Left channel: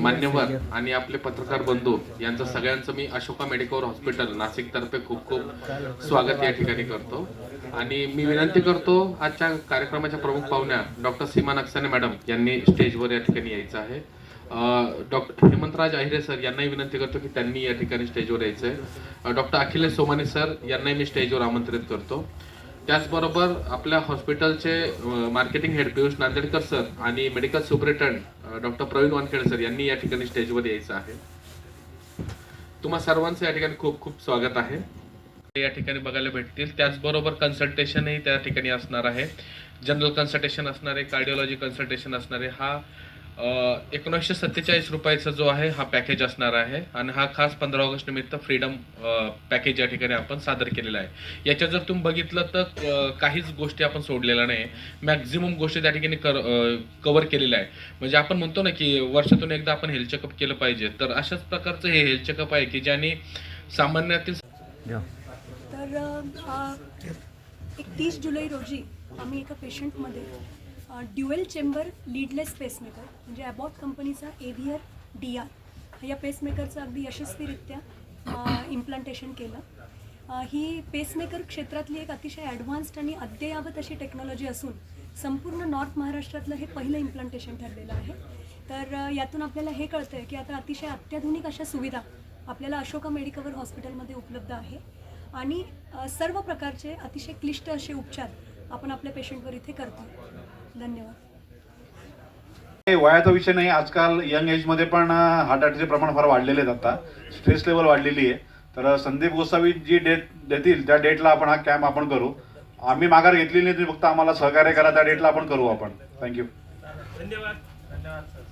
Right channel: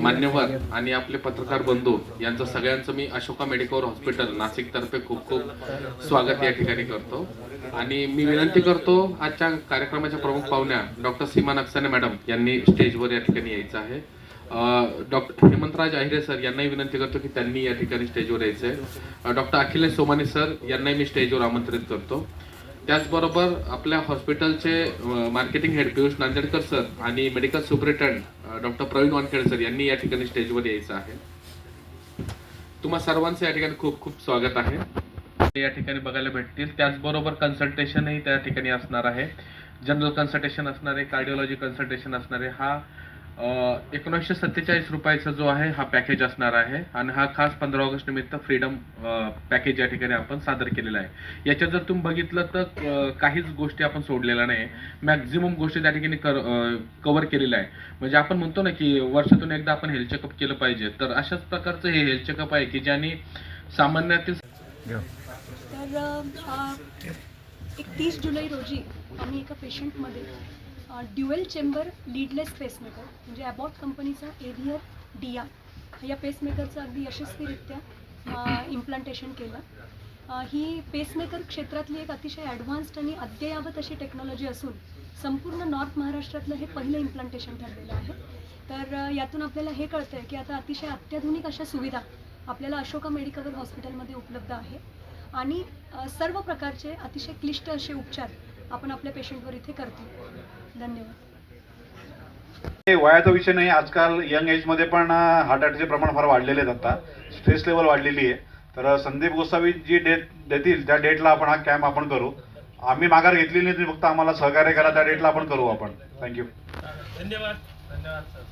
मान्यवर आणि आपले पत्रकार बंधू यांचं सगळ्यांचं मी अशोका मेडिकल हॉस्पिटल नाशिकतर्फे खूप खूप स्वागत या ठिकाणी करतो. आणि मी विनंती करतो आजच्या कार्यक्रमाच्या प्रमुख पाहुण्या डॉक्टर सीमा नक्साने मॅडम यांनी स्टेजवर या ठिकाणी यायचं आहे. डॉक्टर हेमंतराज अहिरे सर यांनाही विनंती करतो की त्यांनी या ठिकाणी स्टेजवर यायचं आहे. डॉक्टर अखिलेश सोमानी सर यांनाही मी स्टेजवर आमंत्रित करतो. त्याचबरोबर आपल्या हॉस्पिटलचे marketing head Piyush Nandedkar sir आणि medical superintendent doctor Pravin Wankhede sir यांनी या ठिकाणी स्टेजवर यायचं आहे. तुम्हा सर्वांचं या ठिकाणी खूप खूप स्वागत आहे. या ठिकाणी बघायला भेटतील. त्याचबरोबर कन्सल्टेशनही त्या ठिकाणी असणार आहे. जनरल कन्सल्टेशन असणार आहे, कार्डिओलॉजी कन्सल्टेशन असणार आहे. हा 1947 रुपयाचा जो आहे हा पॅकेज असणार आहे आणि हा खास 15 ऑगस्ट निमित्त फ्रीडम पॅकेज या ठिकाणी आपण सादर केलेला आहे. याच्यात जर तुम्ही बघितलं तर काहीच गोष्टी आपण सोडलेल्या नाही. मॅक्झिमम गोष्टी त्या ठिकाणी कव्हर केलेल्या आहे. म्हणजे आपण म्हणतो ना की वर्षातून एकदा आपण हेल्थ चेकअप केलं पाहिजे, तर अशाच प्रकारचं हे हेल्थ चेकअप आहे की ज्याने सामान्यातील तर 31 जुलै रोजी आम्ही एका पेशंटमध्ये ड्युएल चेंबर लीडलेस पेसमेकर म्हणजे ॲबॉट कंपनीचा एव्हियर DR या पेसमेकरचं अगदी यशस्वीरित्या इम्प्लांटेशन केलं. ही पेसमेकर क्षेत्रातली एक अतिशय ॲडव्हान्स्ड आणि अद्ययावत अशी टेक्नॉलॉजी असून संपूर्ण नॉर्थ महाराष्ट्रातलं हे पहिलं इम्प्लांटेशन ठरलेलं आहे. तर यातून आपल्याला हे कळतं आहे की आता अतिशय अत्याधुनिक अशा सुविधा आपल्याला अशोका मेडिकल हॉस्पिटलमध्ये उपलब्ध आहे आणि सर्व प्रकारचे अतिशय क्लिष्ट असे उपचार आपण आपल्या पेशंटवर इथे करतो. धन्यवाद. वयाचा विषय नाही. आजकाल यंग एजमध्ये पण हार्ट अटॅकचे प्रमाण फार वाढलेले आहेत. आता स्ट्रेस लेवल वाढलेली आहे. तर संदीप गोसावी जी डेट देतील त्या डेटला आपण हा कॅम्प आपण करू. आम्ही माघार घेतलेली नाही, तुम्ही फक्त आम्हाला सहकार्य करा. त्या डेटला आपण करू आपण. थँक्यू. धन्यवाद. धन्यवाद सर.